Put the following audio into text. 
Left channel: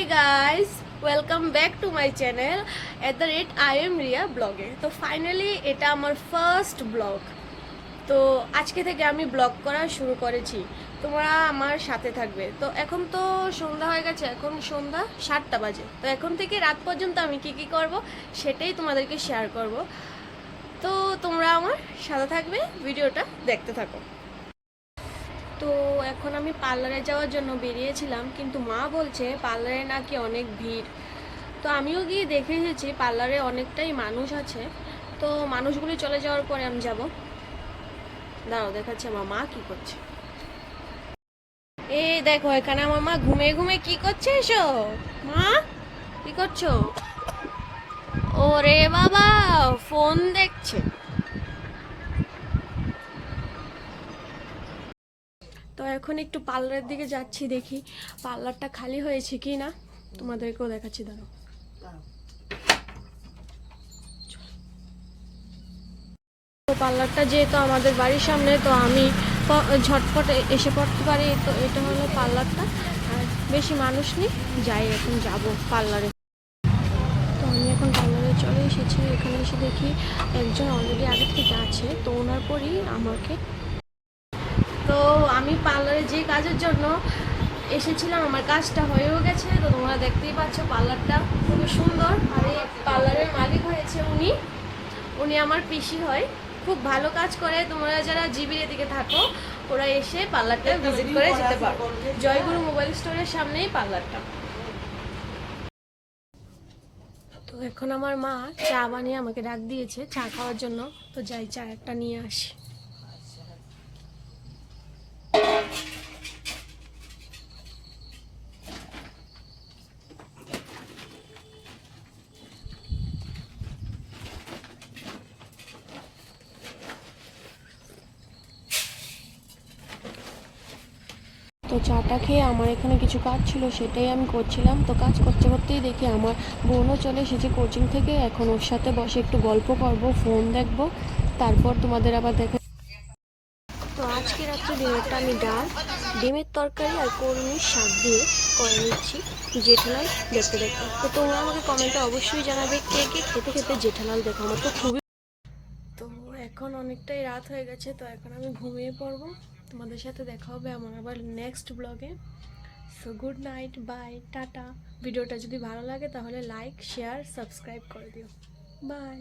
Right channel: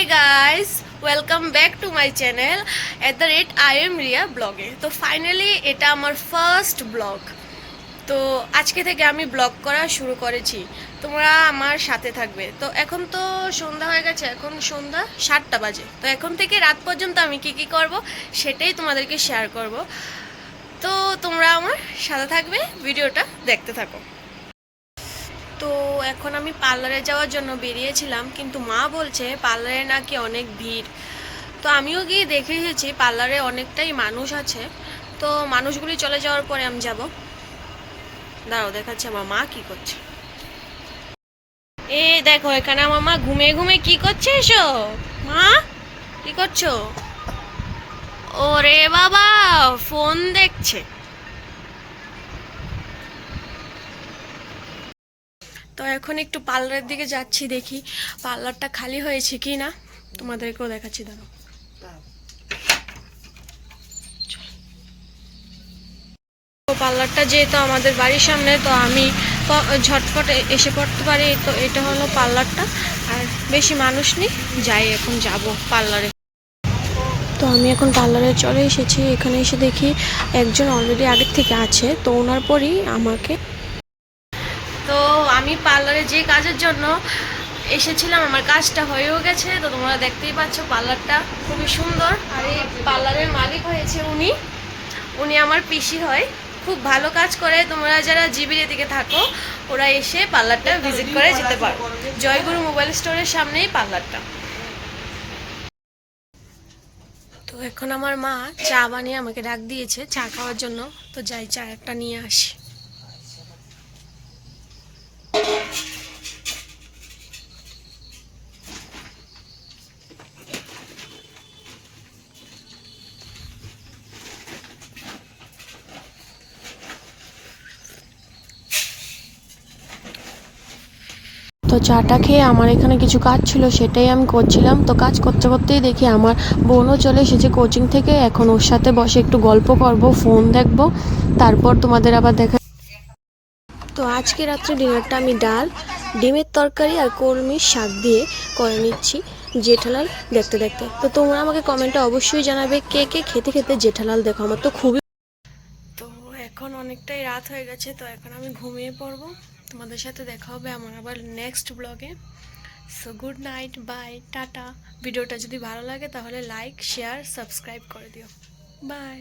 Hi guys welcome back to my channel at the rate I am Riya ব্লগে তো finally এটা আমার first blog তো আজকে থেকে আমি ব্লগ করা শুরু করেছি। তোমরা আমার সাথে থাকবে। তো এখন তো সন্ধ্যা হয়ে গেছে। এখন সন্ধ্যা সাতটা বাজে। তো এখন থেকে রাত পর্যন্ত আমি কি কি করব, সেটাই তোমাদেরকে শেয়ার করব। তো তোমরা আমার সাথে থাকবে, ভিডিওটা দেখতে থাকো। তো এখন আমি পার্লারে যাওয়ার জন্য বেরিয়েছিলাম, কিন্তু মা বলছে পার্লারে নাকি অনেক ভিড়। তো আমিও গিয়ে দেখে এসেছি পার্লারে অনেকটাই মানুষ আছে। তো মানুষগুলি চলে যাওয়ার পরে আমি যাব। দাঁড়াও, দেখাচ্ছি আমার মা কি করছে। এ দেখো, এখানে আমার মা ঘুমে ঘুমে কি করছে এসো। মা, কি করছ? ওরে বাবা, ফোন দেখছে। তো এখন একটু পার্লারের দিকে যাচ্ছি দেখি। পার্লারটা খালি হয়েছে কি না তোমাদেরকেও দেখাচ্ছি তো পার্লারটা যেহেতু আমাদের বাড়ির সামনে, তো আমি ঝটফট এসে পড়তে পারি। তো এটা হলো পার্লারটা। আর বেশি মানুষ নেই, যাই এখন যাব পার্লারে। তো আমি এখন পার্লারে চলে এসেছি। এখানে এসে দেখি একজন অলরেডি আগের থেকে আছে, তো ওনার পরই আমাকে আমি পার্লারে যে কাজের জন্য এসেছিলাম, আমার কাজটা হয়েও গেছে। তো তোমরা দেখতেই পাচ্ছ পার্লারটা খুবই সুন্দর। আর এই পার্লারের মালিক হয়েছে উনি। উনি আমার পিসি হয়। খুব ভালো কাজ করে। তোমরা যারা জিবির এদিকে থাকো, ওরা এসে পার্লারটা ভিজিট করে যেতে পারো। জয়গুরু মোবাইল স্টোরের সামনেই পার্লারটা। তো এখন আমার মা চা বানিয়ে আমাকে ডাক দিয়েছে, চা খাওয়ার জন্য। তো যাই, চা একটা নিয়ে আসি। তো চাটা খেয়ে আমার এখানে কিছু কাজ ছিল, সেটাই আমি করছিলাম। তো কাজ করতে করতেই দেখি আমার বোনও চলে এসেছে কোচিং থেকে। এখন ওর সাথে বসে একটু গল্প করব ফোন দেখব। তারপর তোমাদের আবার দেখা তো আজকে রাত্রে ডিনারটা আমি ডাল, ডিমের তরকারি আর কলমির শাক দিয়ে করে নিচ্ছি জেঠালাল দেখতে দেখতে। তো তোমরা আমাকে কমেন্টে অবশ্যই জানাবে কে কে খেতে খেতে জেঠালাল দেখো, আমার তো খুবই তো এখন অনেকটাই রাত হয়ে গেছে, তো এখন আমি ঘুমিয়ে পড়ব। তোমাদের সাথে দেখা হবে আমার আবার নেক্সট ব্লগে so good night bye tata. ভিডিওটা যদি ভালো লাগে তাহলে লাইক শেয়ার সাবস্ক্রাইব করে দিও। বাই